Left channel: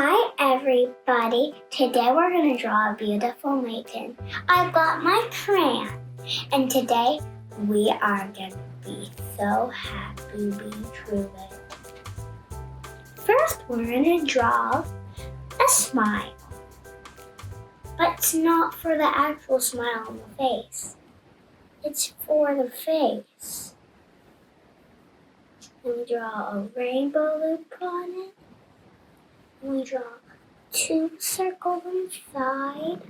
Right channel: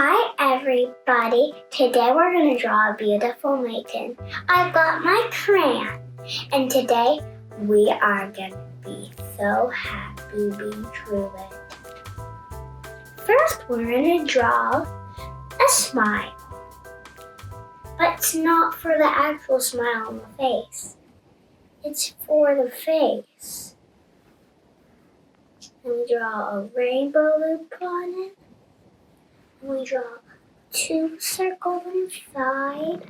Hi everybody, today we're going to draw a beautiful maiden. I've got my crayon and today we are going to be so happy being through it. First we're going to draw a smile, but it's not for the actual smile on the face. It's for the face. And we draw a rainbow loop on it. We draw 2 circles inside,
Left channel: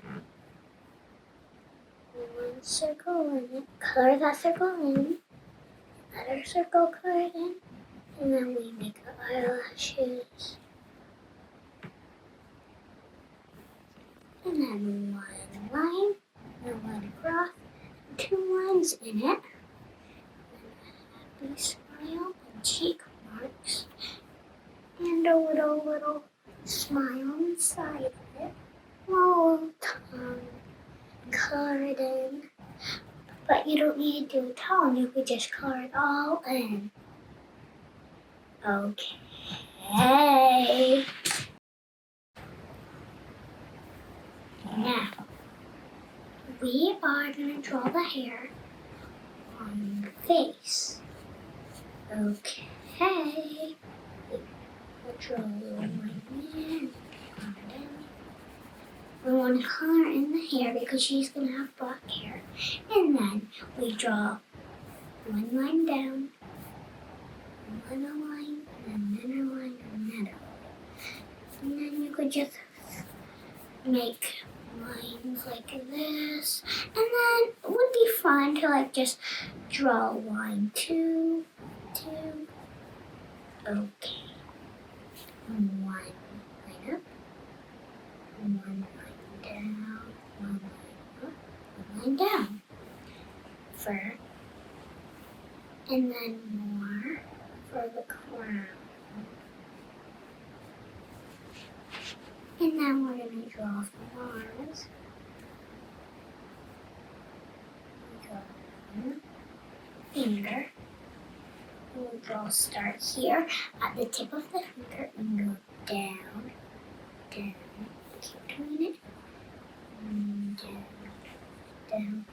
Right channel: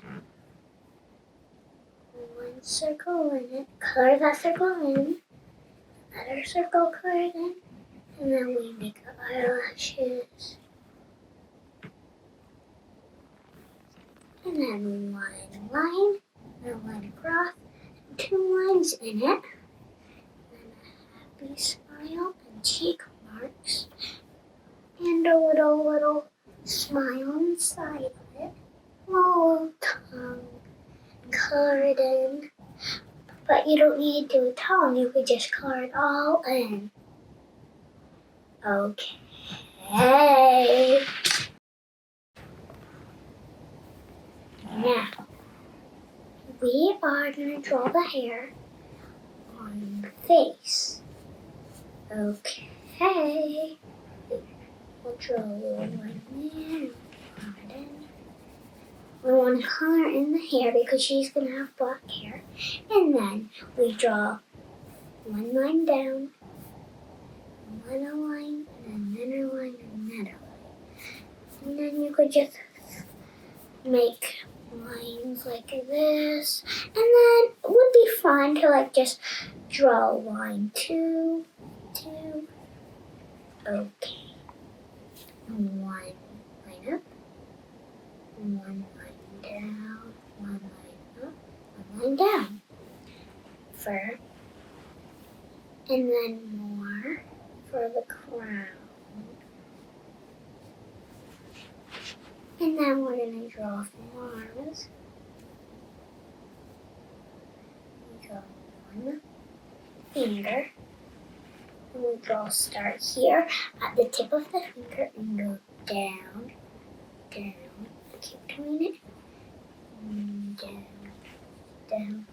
1 circle in it, color that circle in, another circle colored in, and then we make the eyelashes. And then 1 line, and 1 across, 2 lines in it, and a happy smile and cheek marks, and a little smile inside of it, a little tongue colored in, but you don't need to do a tongue, you could just color it all in. Okay. Now, we are going to draw the hair on the face. Okay. We'll draw a little one here. We want to color in the hair because she's going to have black hair. And then we draw 1 line down, 1 line, and another line, and another line. And then you could just make lines like this. And then it would be fun to just draw line 2, 2. Okay. 1 line up, 1 line down, 1 line up, 1 line down. Fur, and then more for the crown. And then we're going to draw some arms. We go 1 finger. We'll draw start here at the tip of the finger and go down, down, keep doing it, down, down, down,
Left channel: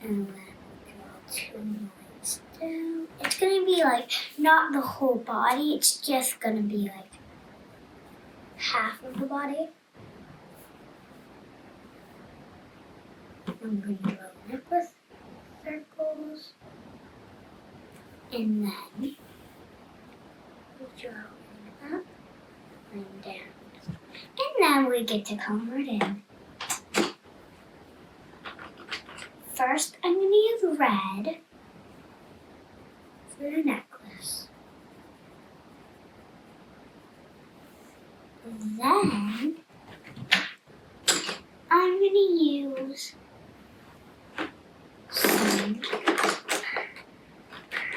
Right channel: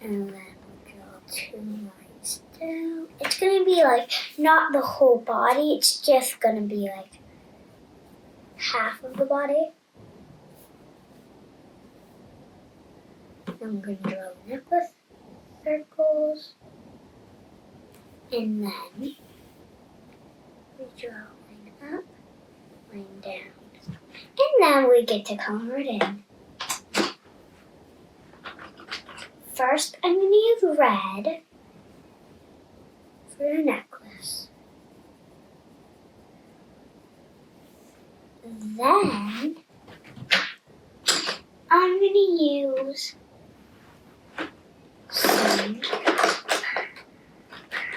and then we'll draw 2 lines down. It's going to be not the whole body, it's just going to be half of the body. I'm going to draw a necklace, circles, and then we draw line up, line down, and then we get to color it in. First, I'm going to use red for the necklace. Then, I'm going to use some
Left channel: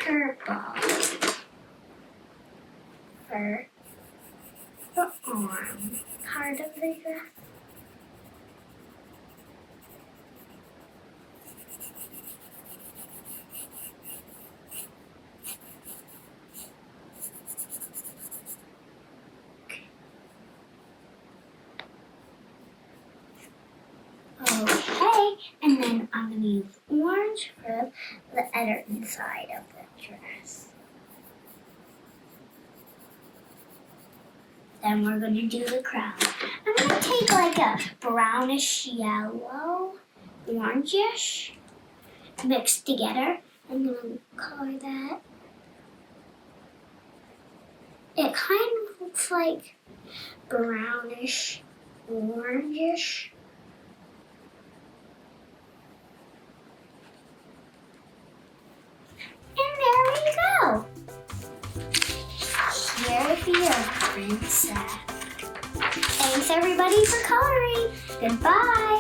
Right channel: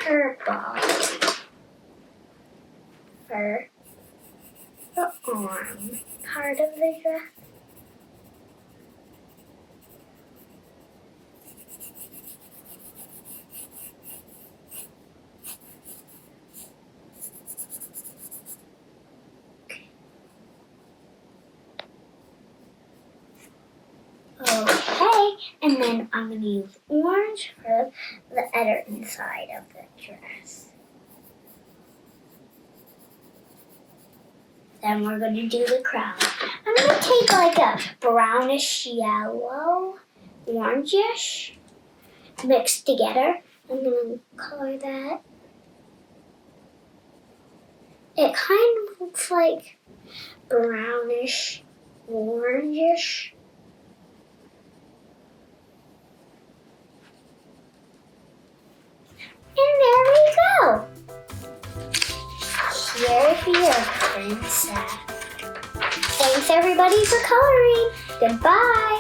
purple for the arm part of the dress. Okay, and then I'm going to use orange for the other inside of the dress. Then we're going to do the crown. I'm going to take a brownish yellow, orangish, mixed together. I'm going to color that. It kind of looks like brownish, orangish. And there we go. Here's your princess. Thanks everybody for coloring. Goodbye.